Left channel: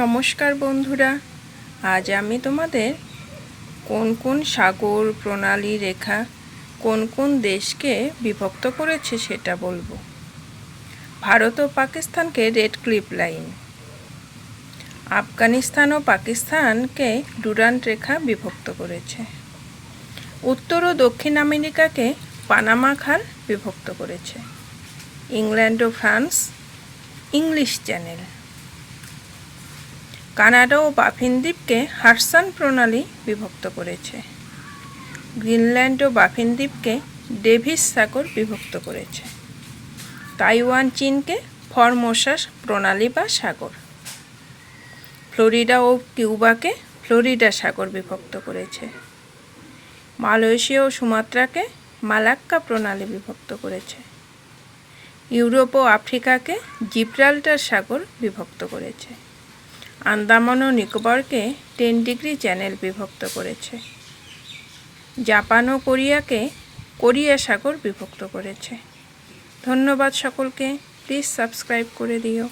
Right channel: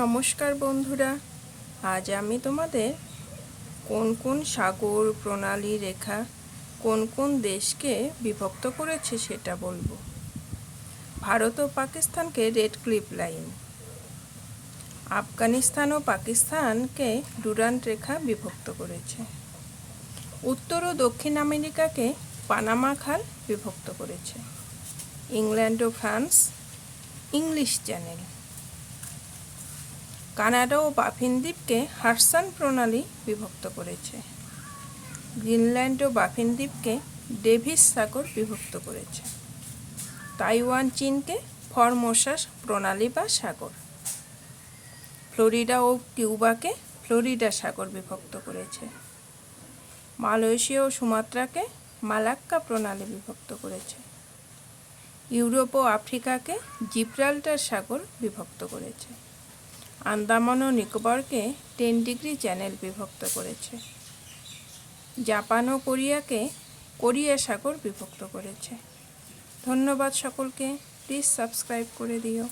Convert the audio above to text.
নমস্কার বন্ধুরা, আজ আমি তোমাদের কোন কোন সাগর প্রণালী রেখা কোন কোন দেশকে বিভক্ত করেছে সেটা বলবো। ভারত ও পাকিস্তানকে রেড ক্লিফ লাইন, আফগানিস্তান ও পাকিস্তানকে ডুরান্ট রেখা বিভক্ত করেছে। উত্তর ও দক্ষিণ আমেরিকাকে পানামা খাল বিভক্ত করেছে। ইংল্যান্ড ও ফ্রান্স ইংলিশ চ্যানেল। কানাডা ও বাফিন দ্বীপকে হাডসন প্রণালী বিভক্ত করেছে। গ্রিনল্যান্ড ও বাফিন দ্বীপকে ডেভিস সাগর বিভক্ত করেছে। তাইওয়ান চীনকে ফরমোসা প্রণালী বা সাগর। ফ্লোরিডা ও কিউবাকে ফ্লোরিডা সাগর বিভক্ত করেছে। মালয়েশিয়া ও সুমাত্রাকে মালাক্কা প্রণালী বিভক্ত করেছে। ইউরোপ ও আফ্রিকাকে জিব্রাল্টার সাগর বিভক্ত করেছে। আন্দামান ও নিকোবরকে 10 ডিগ্রি চ্যানেল বিভক্ত করেছে। জাপান ও কোরিয়াকে কোরিয়া সাগর বিভক্ত করেছে। ধন্যবাদ সকলকে। প্লিজ সাবস্ক্রাইব করে দিও।